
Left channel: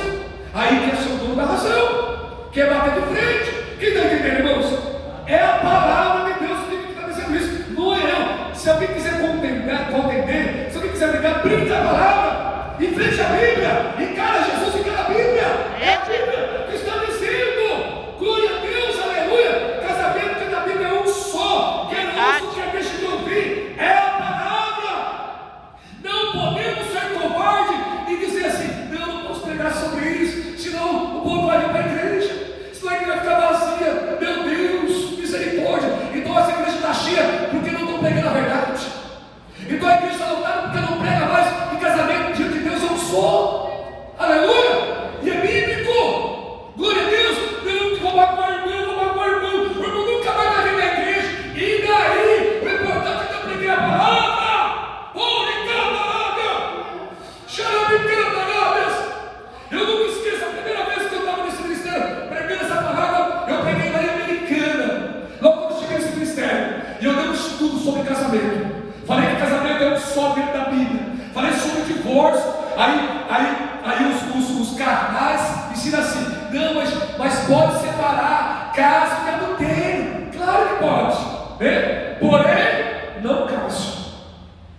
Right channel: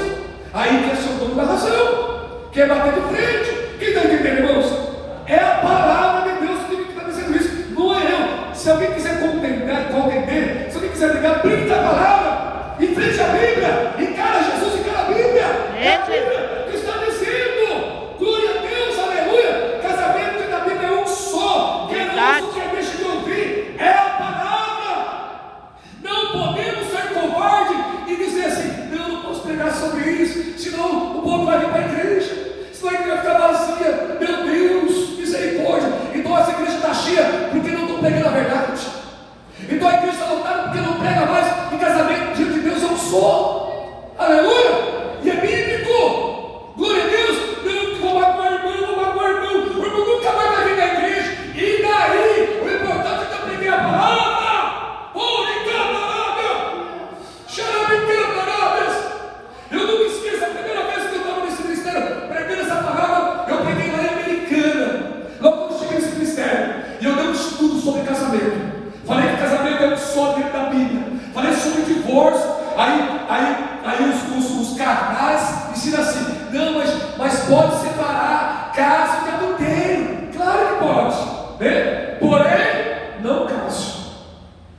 Aí quer ser o dono da razão, quer bater de frente. Quem está entendendo, irmãos? É a palavra de Deus que está dizendo isso, não é eu. Se alguém quiser contender, se alguém quiser brigar, brigue da palavra. Em frente à Bíblia, encara Jesus, encara a Bíblia. É a Bíblia que está dizendo. Glória a Deus, aleluia. Casamento da Bíblia é um só. Quer um, quer feliz, senão o povo vai vir para a igreja, senão a igreja vai ficar vazia. Meu Deus, misericórdia. Então essa igreja está cheia porque não estão pregando a verdade. Então a igreja está lotada porque não prega mais que casamento diante de Deus é um só. Aleluia! E é bíblico. Glória a Deus. Eu vou magoar o irmão, o irmão nunca mais vai vir na igreja. E daí? O importante é que eu preguei a palavra. Eu não me esqueço, a primeira vez que eu estava nesse ministério pregando essa palavra, eu preguei na área americana, logo quando eu cheguei nesse ministério, e eu dei um estudo sobre casamento. Falei que casamento é um só dentro da Bíblia. Falei sobre divórcio. Aí os carnais ensinam assim: não, mas pode separar caso de adultério. Claro que pode, né? Porém, não case.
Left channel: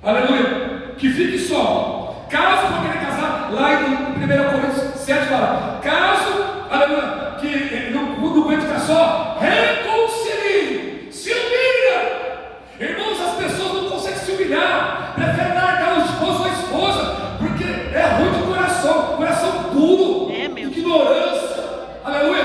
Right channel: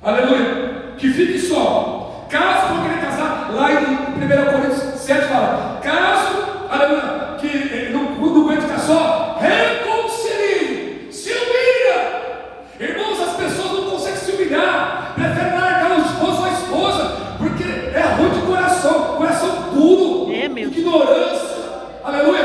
Aleluia. Que fique só. Caso for querer casar, lá em 1 Coríntios 7 fala: caso, aleluia, que não aguenta ficar só, reconcilie, se humilha. Irmãos, as pessoas não conseguem se humilhar, preferem largar o esposo ou a esposa, porque é ruim de coração duro, ignorância. Aleluia.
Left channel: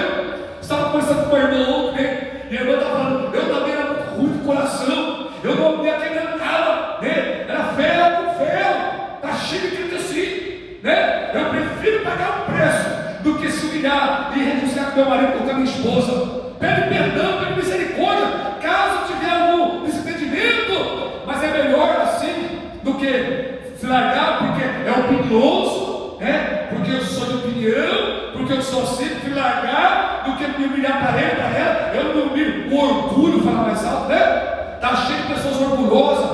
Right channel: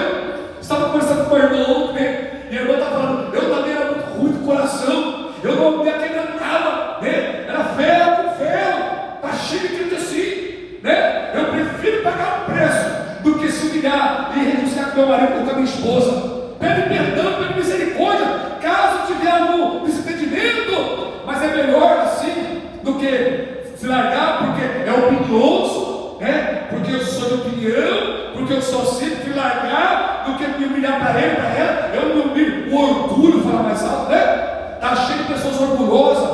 Estava conversando com o irmão ontem, e a irmã estava falando: eu também era muito ruim de coração, eu não me acreditava, né? Era ferro com ferro. Está cheio de crente assim, né? Eu prefiro pagar um preço do que se humilhar e renunciar com meu marido ou com a minha esposa. Pede perdão, pede misericórdia, caso tiver algum desentendimento. Mas é melhor assim do que se largar porque é opinioso, né? Porque eu sou de opinião, porque eu sou assim, fui largar do que me humilhar para ele, para ela. Eu me humilho, o orgulho fala mais alto, né? Está cheio de pessoas orgulhosas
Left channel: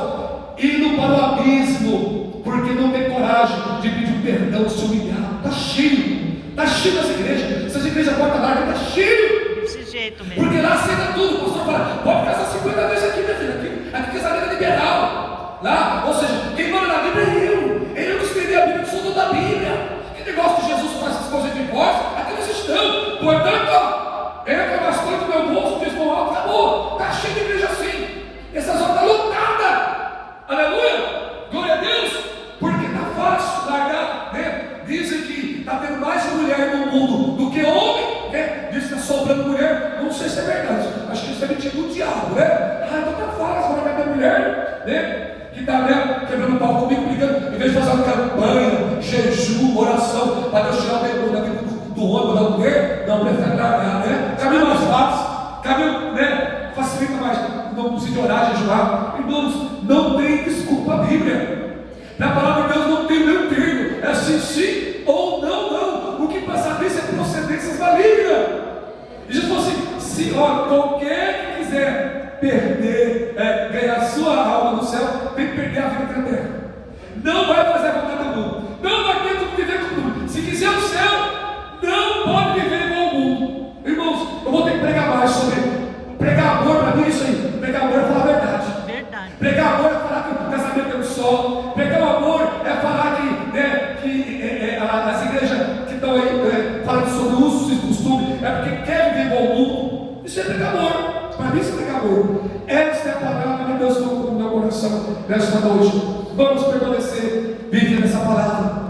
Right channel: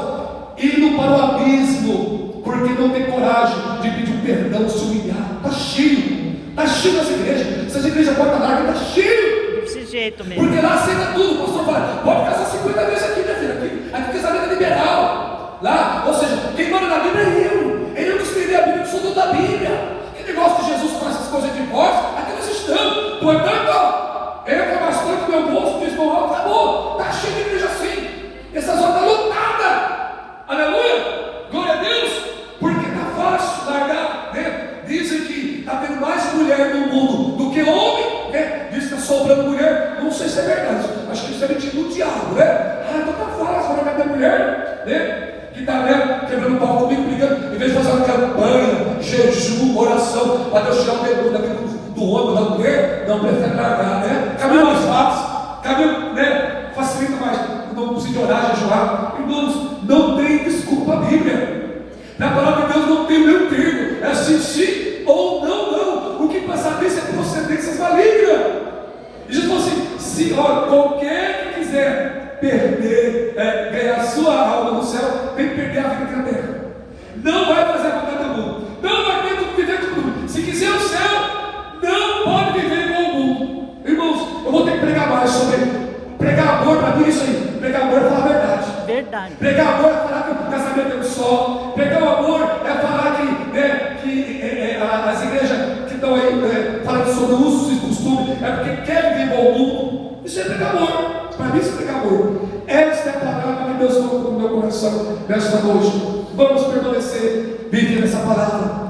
indo para o abismo, porque não tem coragem de pedir perdão, se humilhar. Está cheio das igrejas. Essas igrejas porta larga, está cheio. Desse jeito mesmo. Porque lá aceita tudo. O pastor fala: pode casar 50 vezes aqui, minha filha. Aqui casamento é liberal. Lá, ou seja, quem mora na Bíblia é eu. Eu não escrevi a Bíblia, eu sou dono da Bíblia. Que negócio que Jesus faz essas coisas de divórcio? Aqui nós estamos. Portanto, eu que é pastor do meu bolso, diz: acabou. Está cheio de igreja assim. Essa zona está lotada. Aleluia. Glória a Deus. Porque está fácil largar, né? Dizem que está tendo mais mulher no mundo do que homem, né? Diz que está sobrando mulher. Não sei se é verdade. Acho que isso é mentira do diabo, né? Então está fácil largar minha mulher, né? Que está, né, quebrando o pau comigo, brigando. Em vez de fazer uma campanha, jejum, oração, para Deus tirar o demônio da vida do homem, da mulher, não prefere largar, né? Caminho mais fácil, caminho, né? Facilita mais. Não precisa orar, jejuar. Irmãos, não tem desculpa a Bíblia. Na palavra de Deus não tem meio termo. É assim, sim ou não. O que passa disso é procedências malignas. E Jesus falou assim: se qualquer que quiser perder, ganhar a sua alma no céu, tem que perder a vida aqui na terra. Não vai fazer a vontade do mundo. Não vai ter como viver com o mundo. Se quiser o céu, não pode viver igual o mundo. Irmãos, eu vou ter que pregar mais sobre pregar amor. Para mim, isso aí. Pregar amor é falar a verdade. Pregar amor é falar que o casamento é um só. Pregar amor é falar que as igrejas que estão aí falando sobre usos e costumes é porque querem viver igual o mundo. Isso é pregar amor. Para mim, isso é pregar amor. Essa é a palavra que Deus colocou no meu coração nesta noite. Vamos permanecer vivendo essa palavra.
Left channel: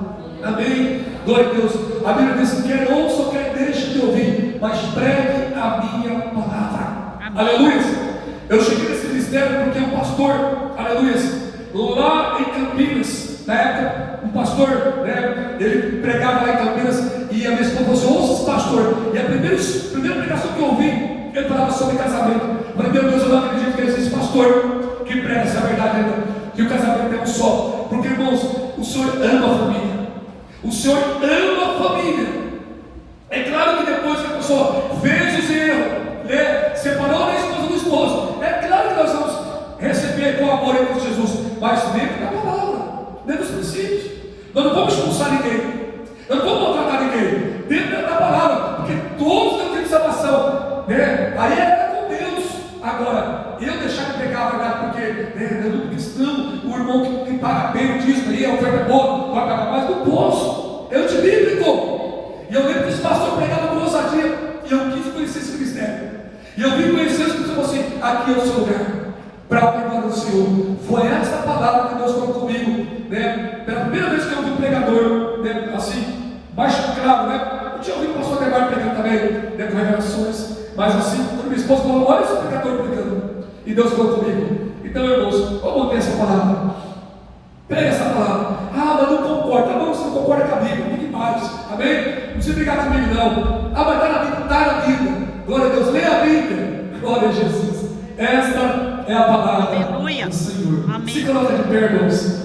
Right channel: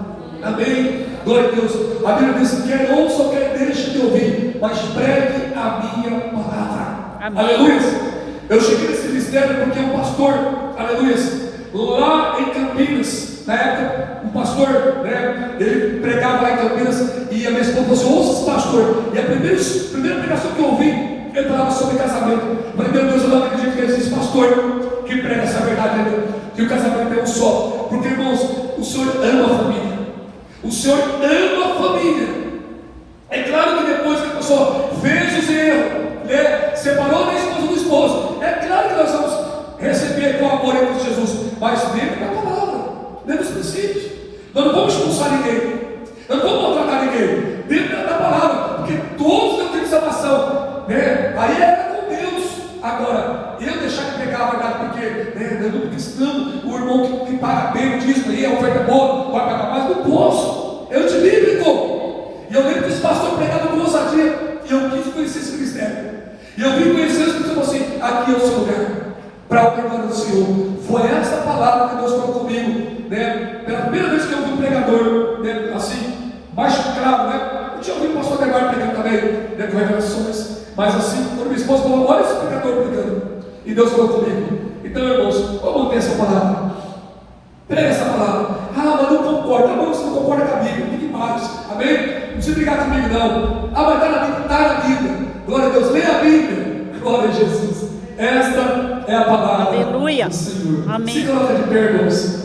Amém? Glória a Deus. A Bíblia diz: quer ouça, quer deixe de ouvir, mas pregue a minha palavra. Amém. Aleluia. Eu cheguei nesse ministério porque um pastor, aleluia, lá em Campinas, na época, um pastor, né, ele pregava lá em Campinas, e a minha esposa falou assim: ouça esse pastor. E a primeira pregação que eu ouvi, ele falava sobre casamento. Eu falei: meu Deus, eu não acredito que é esse pastor que prega essa verdade, né, que o casamento é um só. Porque, irmãos, o Senhor ama a família. O Senhor ama a família. É claro que depois que a pessoa fez esse erro, né, separou da esposa do esposo, é claro que nós vamos receber com amor em Cristo Jesus, mas dentro da palavra, dentro dos princípios. Nós não vamos expulsar ninguém, nós não vamos maltratar ninguém, dentro da palavra, porque todos têm de salvação, né? Aí é com Deus. Agora, eu deixar de pegar a verdade porque é do cristão, o irmão que paga bem o dízimo aí, a oferta é boa, vai pagar mais, não posso. É antibíblico. E eu lembro que os pastores pregavam com ousadia, e eu quis conhecer esse ministério. E eu vim conhecer os que disseram assim: aqui é o seu lugar, para a glória do Senhor. Foi essa palavra que Deus falou comigo, né? Pela primeira vez que eu vi um pregador, né, assim, mais claro, né? Já ouvi o pastor Neymar pregando também, né, com revelações. Mas assim, quando minha esposa falou, olha esse pregador pregando. E Deus falou comigo. Então, irmãos, vamos ter essa palavra. Prega essa palavra. Ah, mas não concorda. Tá bom, você não concorda com a Bíblia. Fique em paz. Amém? Não precisa brigar comigo, não. Ah, mas está na Bíblia. Está na Bíblia. Glória a Deus. Leia a Bíblia. Glória a Jesus. Esta é a palavra Aleluia. do Senhor. Amém. Se coloca de pé, irmãos.